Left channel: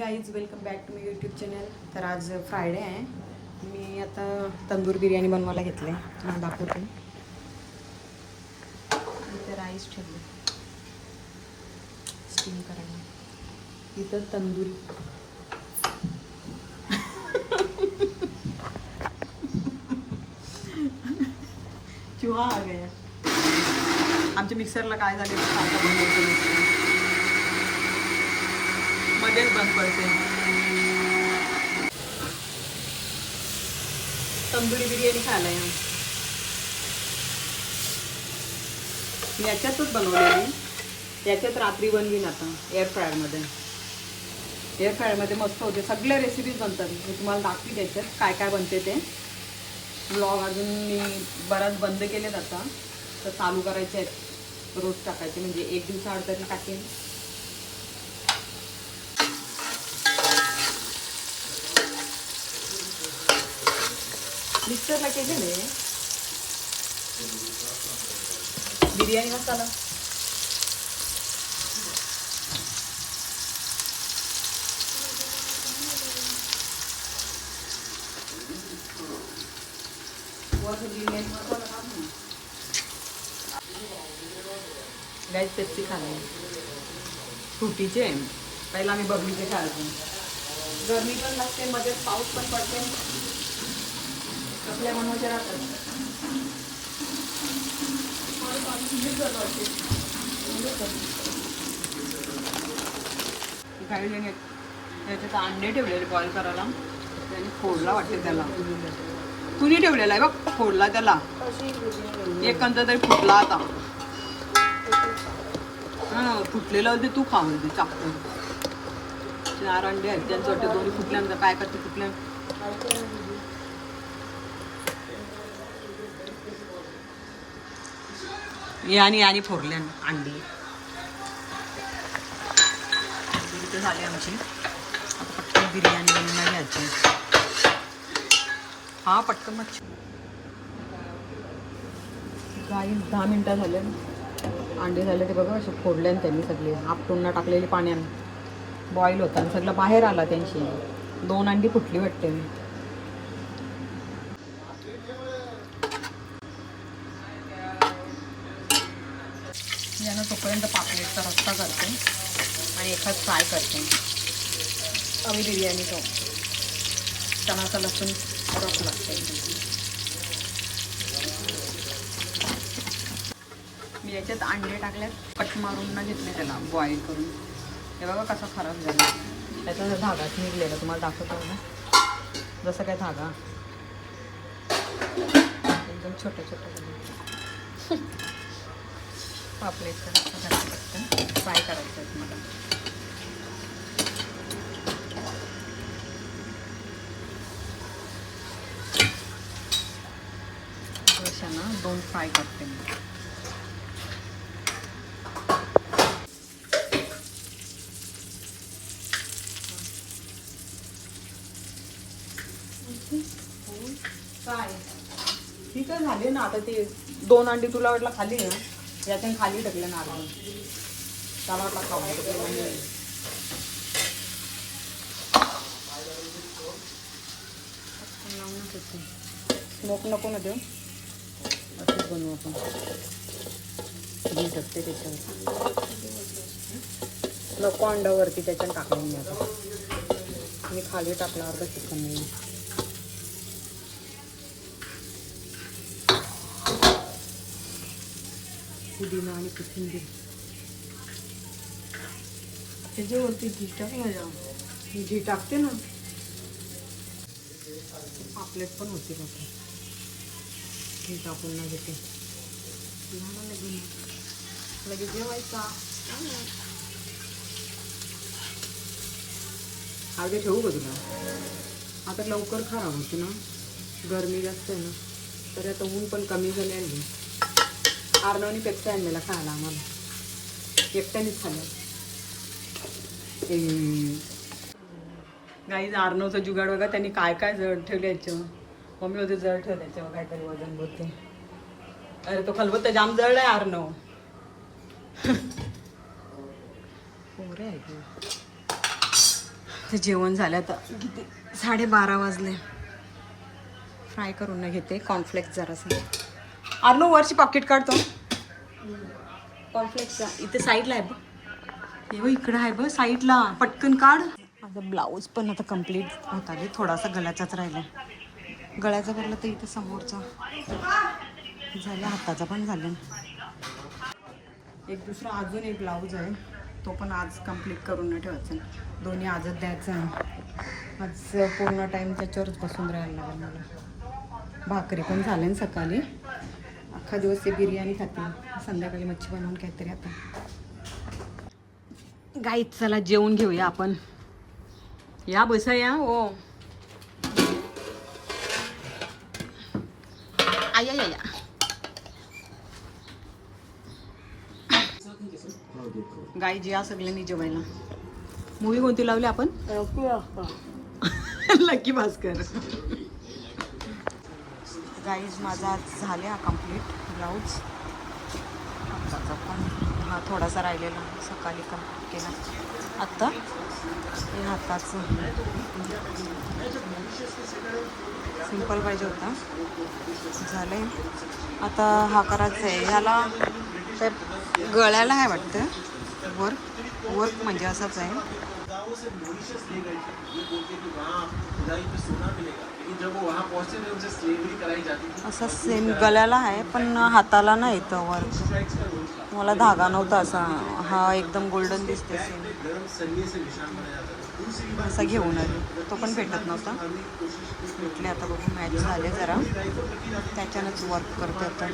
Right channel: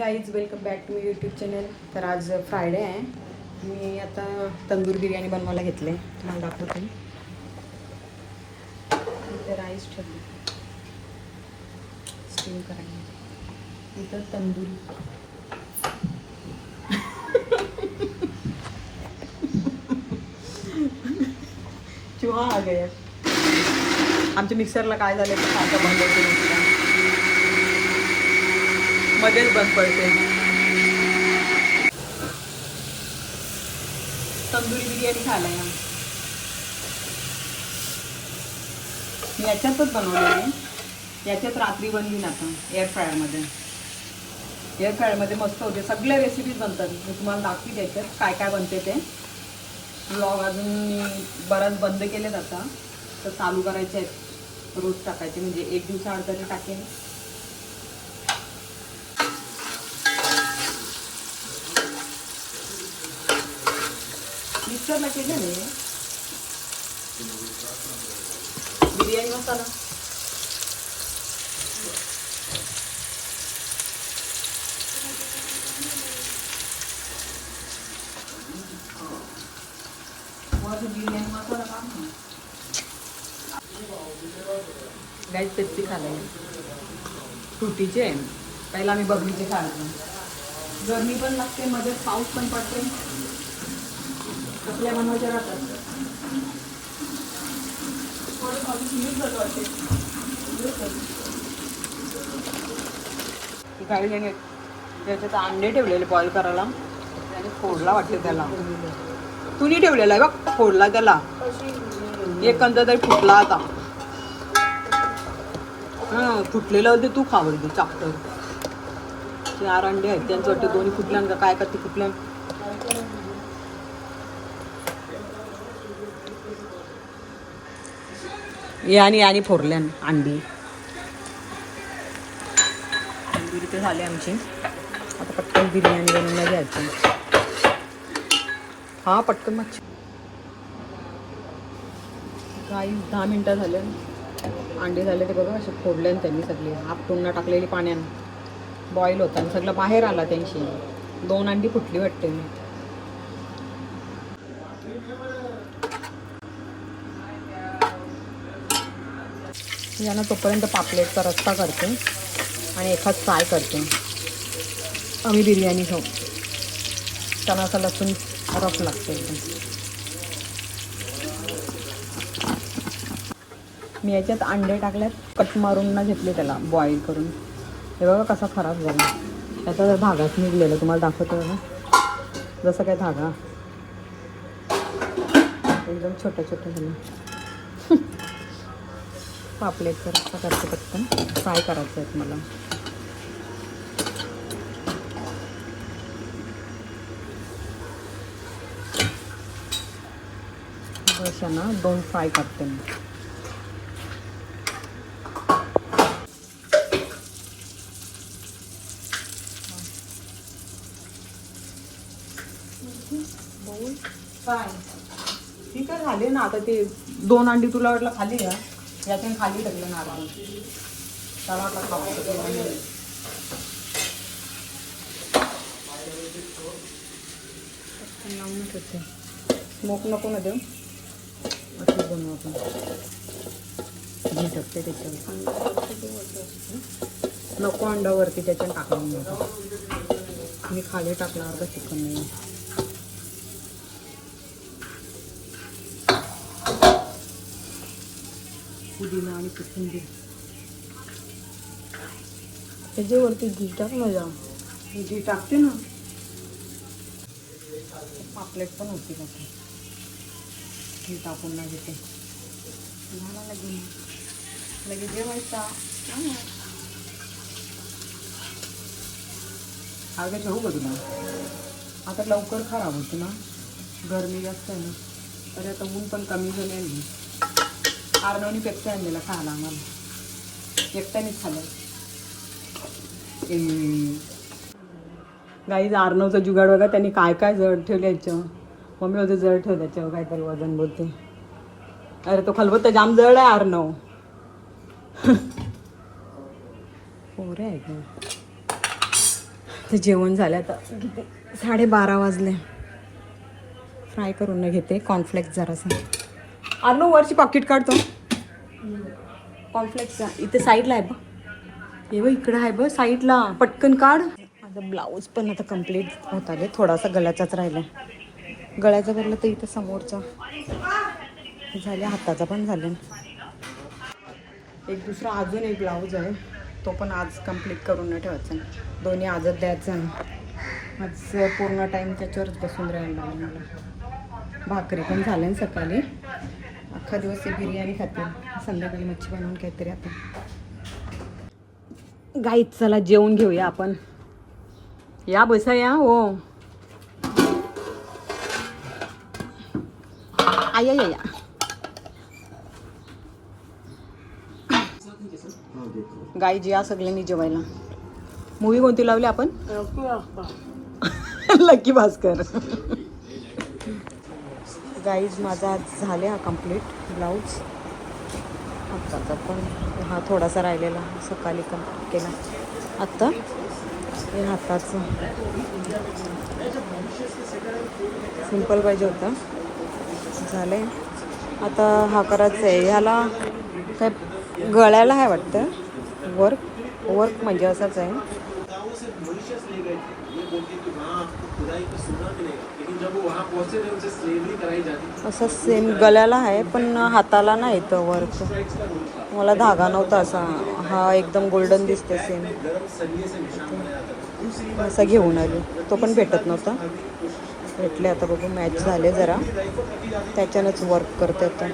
Guys, welcome back to my YouTube channel. तर आज Friday आहे. मी आता तंदूर बिर्याणी बनवायला घेतले. तुम्हाला दाखवते. इथे राईस ठेवली स्टीम करायला. इथं तंदूर चुहा आ गया. आमच्या मिक्सरला काय झालं ते सारखं बंद होते, मध्येच बंद पडते. तंदूर बिर्याणी खायला याच्यातच बनवली. याच्यात रात्री बनली ना आता एअर फ्रायरमध्ये. एअर फ्रायरमध्ये मस्त होते. सगळ्या रेसिपीज बनतात. मी तुम्हाला दाखवी त्याच्यात काय काय बनते ते. ब्लॉग अजून मी बराच बंद केलेत आता, तर चालू करायचे आहेत. रोज टाकायचे, म्हणजे एक दिवसाआड तरी टाकेन. मिक्सरला केले नाही बिर्याणी मसाला. गाईस, पेप्सी खाल्ली फ्रुटीचे. पहिला मी बबलीचे खाल्ली. गरमी पण लागते, मध्ये पाऊस पण पडते. आपल्या मनमध्ये राहतात. काही त्याच्यात अंडे ठेवलेले बॉईल करायला. त्याने फोडला वाटते त्याला. तुनी ठेवलेला आहे बघ, फोडला त्याला. एक कंद तरी फुटला आता. हां, फुटलेलं होते. तू खावं ते चापटर. 4 अंडे आहेत, त्यांचं वाटतं दोन्ही फुटल्यान का काय करते फुटल्यान. आणि फोरल्यान अंडी. तंदूरी तर झाले आमची. आता पटकन बिर्याणी बनवून घ्यायची. हा, पटकन मच्छी. काही 10 मिनटं झाले. अंडे झाले ते बघा, असे फोडले त्यांनी सगळे. आपटून टाकलेली पाण्यात बॉईल होता आणि सगळं बाहेर आला त्यांची. 2 अंडी फुटली वाटते. यांना तोपर्यंत पापलेटचा रस्सा करते आणि एखाद फ्राय करते. आम्ही बिर्याणी खाऊ. त्यांना असं लसूण रफ लागते. मी याच्यात अंडे टाकल्यात, कट मारून ना घेतले त्याला बॉईल करून. हे बघा कसा खराब झाला. त्याचा धागाच निघलेला. तुम्हाला दाखवतो ना, जसं काय धागा एकदम छोटं छोटं झालं. पापलेट तर करते पटकन. फ्राय करायचे आहेत मला. ना 2 फ्राय करते मी. ही तर झाली ना आता. ते 2 अंडी तुला वाटलं खाली ना, याच्याने खाली टाकलं ना. त्याला वाटलं खावं. स्मोक नको ना देऊ. असं बनवू आपण. घी टाकते त्याच्यावर. नको अंडावरती त्याच्यात टाकून नको. मी खाली टाकणार का चिकन नाही. पुदिना आणि कोथिंबीर त्याच्यावरती घी टाक ना. जा, घी टाकते ना. पापलेट पण होती का ते. घी टाकून ना घेते. झाला लगेच जेवायचा. अर्धे ठेवू का तुला. आता लवकर खराब होती ना, गरमी जास्त आहे ना. तर आता ऊन पण कमी झाले आहे. आर्नवनी पेप्सी आणलेला खायला आम्हाला. एकट्यानेच खाल्लं. गाईज, आर्नवचा जुगाड बघा. त्यांनी काय काय जड ठेवायचं. मम्मी होते जड ठेवायचं. काय काय वजन बोलते. अरे तो खलबत्ता जाम जड आहे आर्नव. पोरं आहे का. तर जेवण झालं आता किती 12:30 वाजले. फ्राय करून न घेते कॉर्नफ्लेक्स जरासा. अर्नो वरची पॉकेट काढतो कॉर्नफ्लेक्स इथे साईडला आहे बघ. हे बघ इकडे आहे बघ साईडला, पटकन काढ. माझा ब्लाऊज पण आता कम्प्लीट होत आले, थोडासा गळ्याचाच राहिला. गळ्याचा भरलं तर इथं समोरचा झाले, हाताचा पण झाले. एक दुसरा अजून एक ब्लाऊज आहे, तो पण आज कंप्लीट करून नाही ठेवायचा. दोन्ही आजच द्यायचं आहे. आज पूर्ण टाईम त्याच्यावरच बसून राहायला लागेल मला. भाकरी पण झाल्या ना सकाळी, अख्खा दिवस ते बिर्याणी खातील, संध्याकाळी मच्छी बनवून काहीतरी. आता गाईत चला जेवून घेऊया आपण. या बसा या. हो आया या या. गाईज या सगळ्यांनी जेवायला. मूवी कोणती लावली आपण? लकी भास्कर. गाईज माझा झाले हा कंप्लीट ब्लाऊज. हाताचा पण हा थोडासा राहिलेला सकाळी कंप्लीट केला. आत्ता हे हाताचं सिंपल पाहिजे होता, झालंय. आता हा करायचं आहे. ह्याला हे गळ्याला आहे वाटतं वर्क म्हणजे असंच आहे. असं सेम गळ्याला आहे पण हाताला नाही येतं वर्क. मला धागा नव्हता असा, हा एकदम गोल्डन दिसते सेम. असा घेऊन आली, तो पण भेटत नव्हता, भेटले. आता बघू मॅच झाले जरा, त्याच्यानंच वर्क करते आता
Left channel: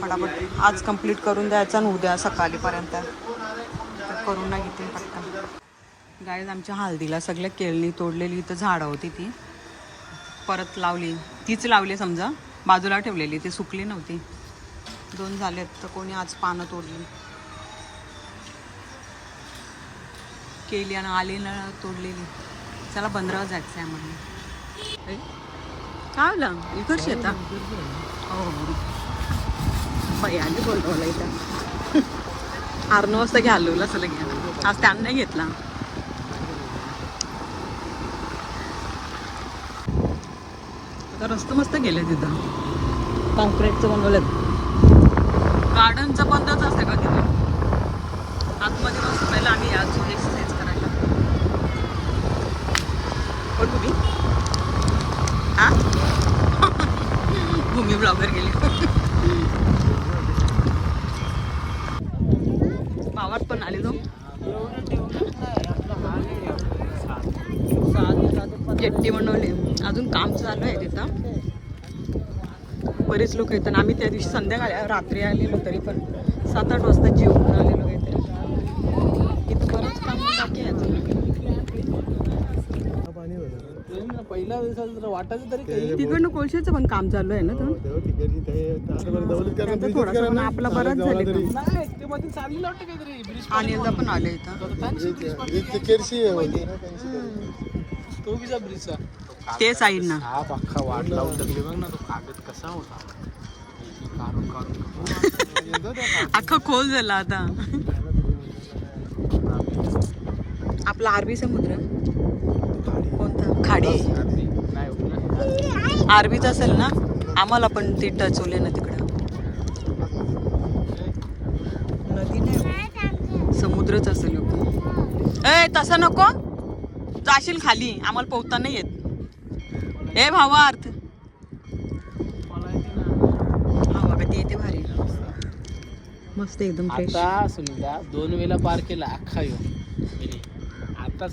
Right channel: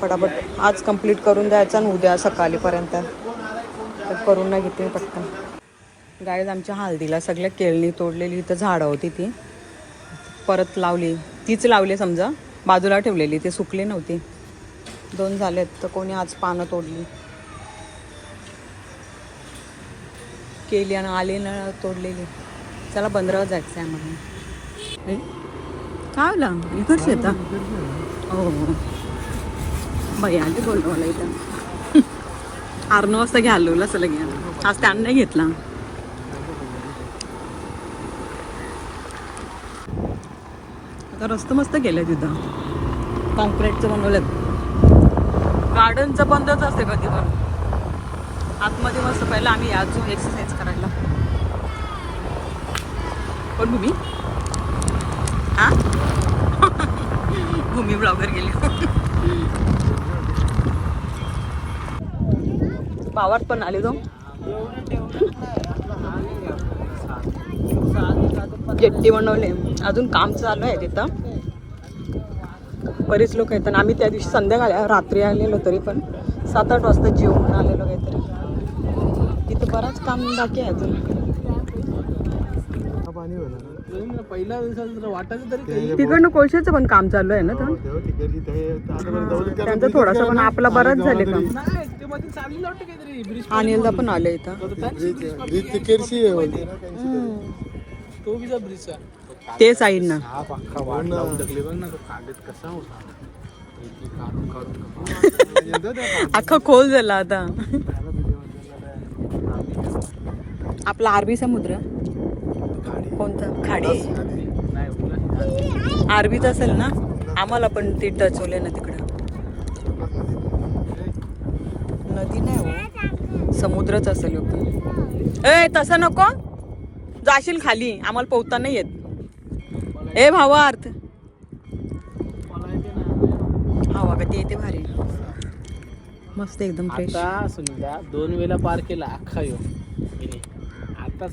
फटाफट. आज कंप्लीट करून द्यायचं आणि उद्या सकाळीपर्यंत करून नाही घेते पटकन. गाईज आमच्या हळदीला सगळ्या केळणी तोडलेली, इथं झाडं होती ती परत लावली, तीच लावली समजा, बाजूला ठेवलेली, ते सुकली नव्हती. 2 झालेत तर कोणी आज पानं तोडली. केली आणि आले ना तोडलेली. चला बंदरावर जायचं आहे आम्हाला. काय ना इकडची येतं. हो हो बाई आधी बोलतो नाही. 9 वाजता घ्या आलो असं लगे. आज त्यानं नाही घेतला. रस्ता मस्त गेलं तिथं, कॉन्क्रीटचं बनवलं. गार्डनचं बंदच असते का तिथं? आतमध्ये मस्त पहिला आम्ही अजून एक्सरसाइज करायला. पण हा भूमी ब्लॉगर गेली. पावात पण आले तो जेट्टी बनवले. अजून काम चालू आहे तिथं, बरेच लोक येतात. आम्ही त्या दिवशी संध्याकाळी रात्री आलेलो, तरी पण 7-8 वाजता जेवून आलेलो काहीतरी. इथं बराच काम बाकी आहे अजून. तिकडनं कोळशाचं पण काम चालू आहे ना तर त्यांचं थोडासा, पण आपला बराच झाले काम. अनिलदा पण आले इथं. ते साईड ना अख्खा खोल झाला आता. आपला अरबी समुद्र कोणतं खाडी अरबीच असेल ना. आम्हाला पण ती टचवले ना तिकडं. नदी नाही, समुद्रच असेल. ए तसं नको जाशील खाली, आम्हाला पोहता नाही येत. ए भावार्थ हवा का ते येते भारी मस्त एकदम फ्रेश. 2 वेळा पार केला अख्खा यो. आता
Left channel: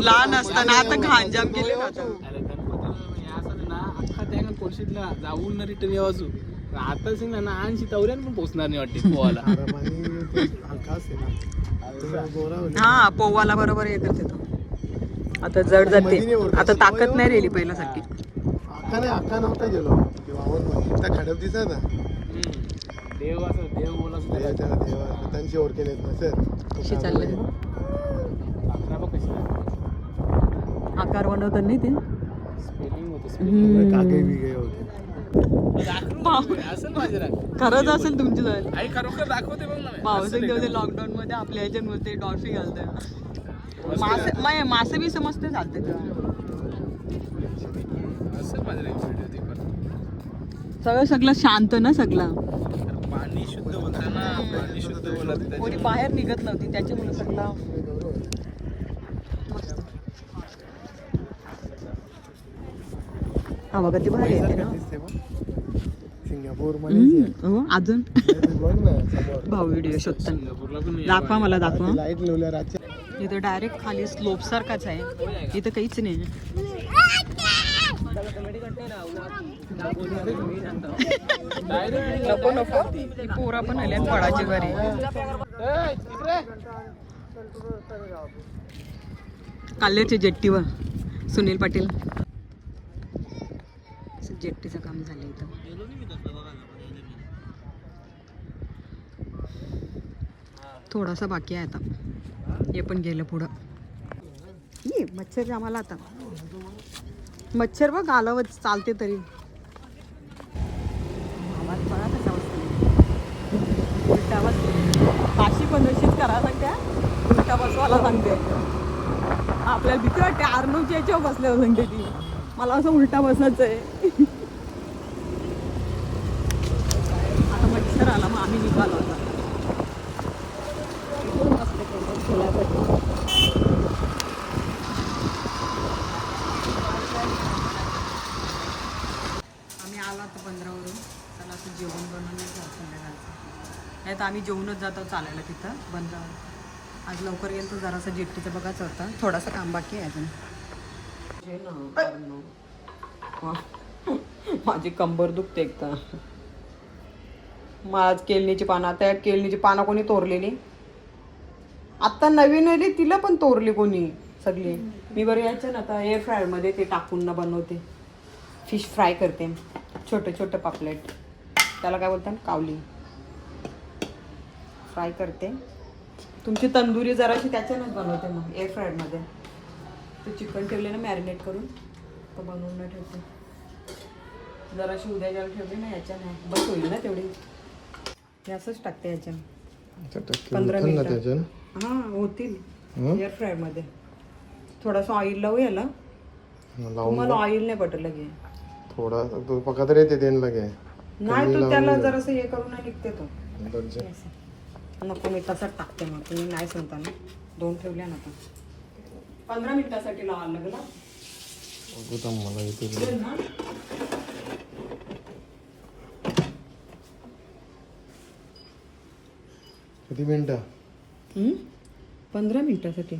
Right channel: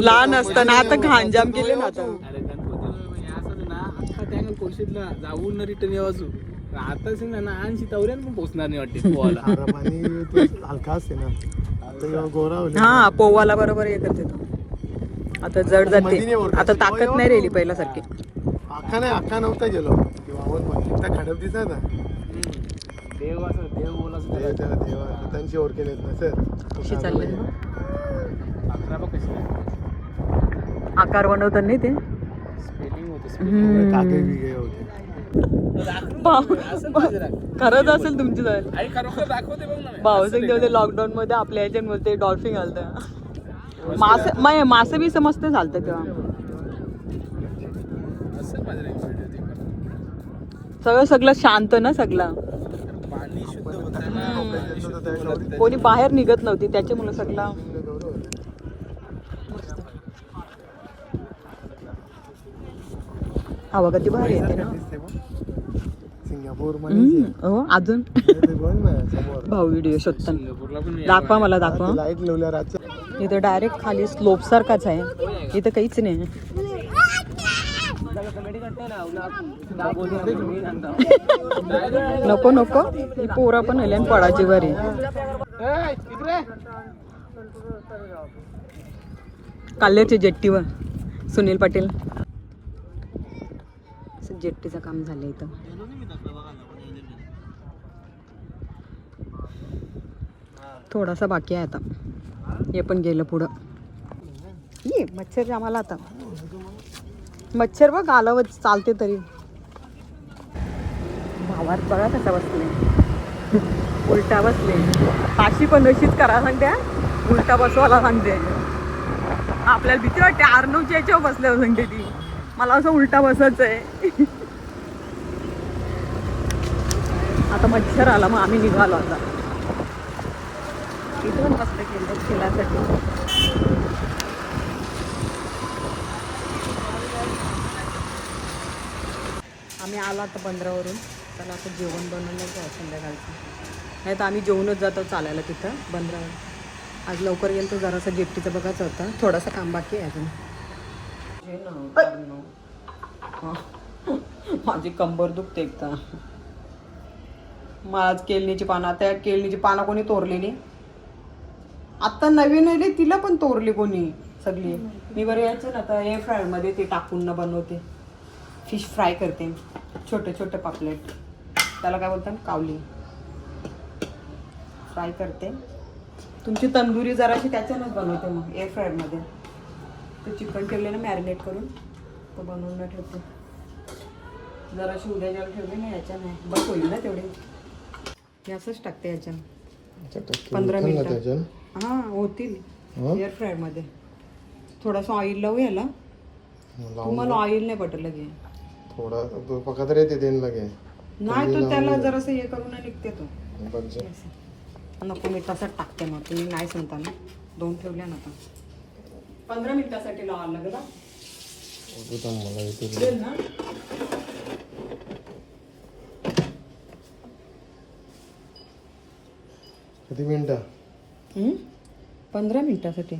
लहान असताना आता घाणजाम केले ना आता. अख्खा त्यानं कोळशीतला जाऊन रिटर्न यावाजू. आता सिंग ना 80 तवऱ्यान पण पोहोचणार नाही वाटते. हा पोवाला बरोबर हे करते तो. आता जड जाते, आता ताकद नाही राहिली पहिल्यासारखी. अख्खा नव्हता गेलो खडप दिसा ना. देव असं देव बोला त्यांची ओळखी नाहीत ना सर. कशी चालले कशी आकार बनवतात नाही ते. स्पेलिंग होते काके बिगे होते. असं पाहिजे रे. खरंच असेल तुमची जाईल. आई खरोखर दाखवते बघ ना. भाऊसिंग तेवढे लॉकडाऊन मध्ये आपल्या ह्याच्यामध्ये डॉल्फिन घालतं. मासे बी मस्त चालतं तेव्हा. असं पाहिजे रे व्हिडिओ ते पण. सगळं शांत ना सगळं. पाणी शुद्ध होतं ना. पाणी शुद्ध होतं. कोणी बाहेर निघत नव्हती त्याच्यामुळे सगळं. हवा कधी भारी येते ना. सिंगापूर हो अजून भाऊ व्हिडिओ शोधतात. सिंगापूरला पण दाखवा मला दाखवा. लाईट लावल्या रातच्या. इथं डायरेक्ट खाली स्लोप सारखाच आहे. इथं काहीच नाही. नको नको ही पोरा पण आली आणि पडाची बरी. काल्याच्या जेट्टीवर सुनील पाटील जेट्टीचं काम झालं इथं. थोडासा बाकी आहे आता. हे पण गेलं पुढं. ये मच्छर आम्हाला आता. मच्छर बघ आलावत चालते तरी. भावात बघा कसा बसते. उलटा बसले. काशी पण तशीच करा सांगते. उलटा बसवायला सांगते. आपल्याला भीती वाटते. आर्नवच्या याच्यावर बसल्यावर सांगते ती. मला असं उलटा बसायचं आहे. आता मच्छर आला मग आम्ही निघालो आता. इथून बसले खेळासाठी. आम्ही आलो आता बंदरावरून. त्याला असं जेवण बनवून नाही घ्यावं संध्याकाळचं. नाही तर आम्ही जेवूनच जातो चालायला तिथं बंदरावर. आज लवकर गेलो तो जरासा जेट्टीचं बघायचं होतं. थोडासा काम बाकी आहे अजून. माझी कंबर दुखते एकदा. मला केळणीची पानं. आता केळणीची पानं कोणी तोरली नाही. आत्ता नवीन आली तिला पण तोरली कोणी सगळी. मी बरं यायचं ना आता एअर फ्रायरमध्ये ते टाकून ना बनवते. फिश फ्राय करते. छोटे छोटे पापलेट. त्याला काय बोलतात कावली. फ्राय करते. तुमची तंदुरी जराशी त्याच्यानंच बनवते मग एअर फ्रायरमध्ये. ते चिकन ठेवले ना मॅरिनेट करून तर बनवून ठेवते. जराशी उद्याच्या ठेवली ना याच्या नाही बस होईल ना तेवढी. हे असंच टाकते याच्या. 15 मिनिटं. हां होतील एअर फ्रायरमध्ये. थोडासा ऑइल लावू याला. तुम्हाला ऑइल नाही पटलं लगे. थोडा तो पकत रे ते देन लगे. नाही तू त्याला जरासं हे करून निघते तो. नको मी तसंच टाकते मग. तुम्ही नाही सांगता ना. 2 ठेवल्या ना आता. 15 मिनिटासाठी लावायला लागेल ना. मला इथे ना किती मिनिटं? 15 मिनिटासाठी.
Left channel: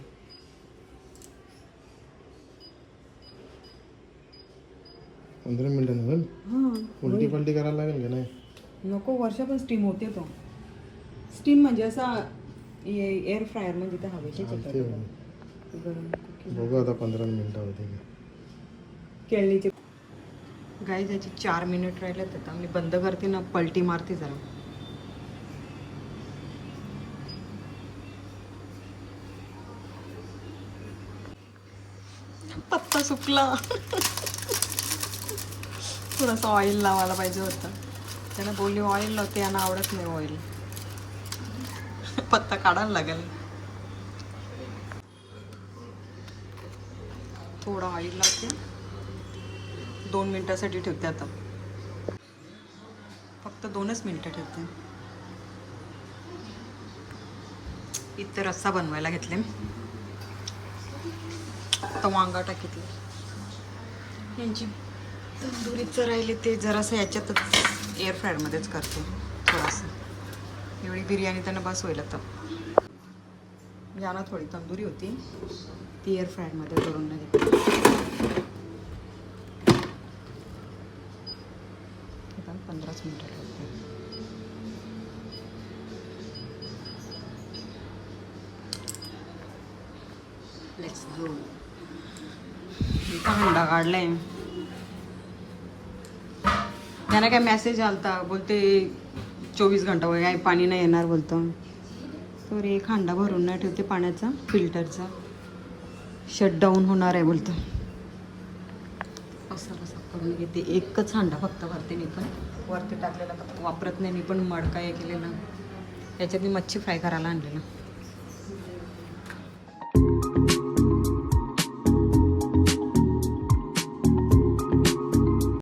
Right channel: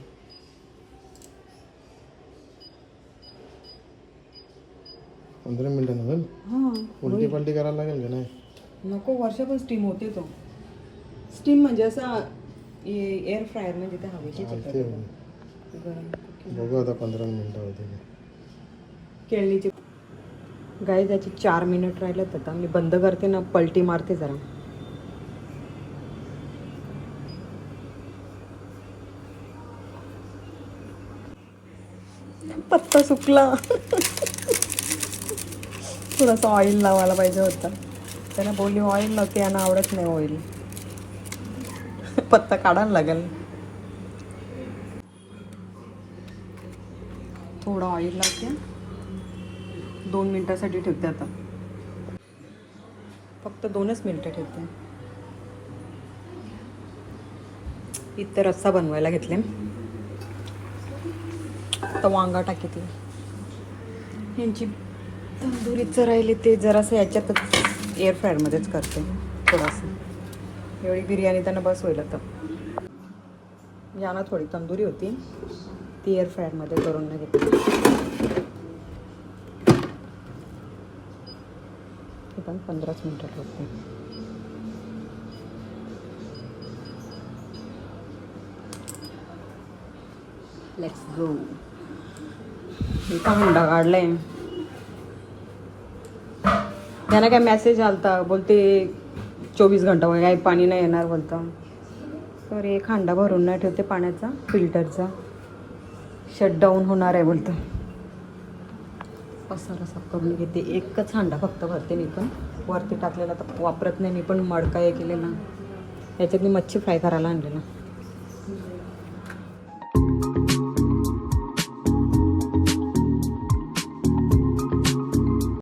पंधरा मिनिटं नव्हे. हां उलटी पलटी करायला लागेल का नाही? नको. वर्षापण स्टीम होते तो. स्टीम म्हणजे असा एअर फ्रायर म्हणजे ते हवेची गरम. बघू आता 15 मिनिटं होते. केळणीचे गाय त्याची 4 मिनिट राहिलेत आता. मी बंद करते ना पलटी मारते जरा. पत्ता सुकला. थोडंसं ऑइल लावायला पाहिजे होतं. त्याला बोलली ऑइल लावते. यांना आवडत नाही ऑइल. पत्ता काढायला लागेल. थोडं ऑइल लावते. 2 मिनिटासाठी ठेवते आता. फक्त 2च मिनिटं ठेवते. इथं रस्सा बनवायला घेतले. आता वांगा टाकते. यांची तंदुरीचं राहिले ते जरासं याच्यातच एअर फ्रायरमध्येच करते थोडंसं. एवढी बिर्याणी त्यांना बस होईल आता. यांना थोडी तंदुरी होती ती एअर फ्रायरमध्ये करून नाही घेतली. हे पण 15च मिनिटं ठेवते. Let's go. इथं हंडा काढलाय. त्यांना काय मेसेज आलता बोलते 24 घंटा काय पाणी नाही येणार बोलतं. तर एक हांडा भरून नाही ठेवते पाण्याचा फिल्टरचा. शटडाऊन होणार आहे बोलतं. पसारा साफ करून घेते. एकच हांडा फक्त भरते मी पण. वरती टाकलेला तर वापरत नाही मी पण. मडका हे केलेला याच्यात मी मच्छी फ्राय करायला आणलेला.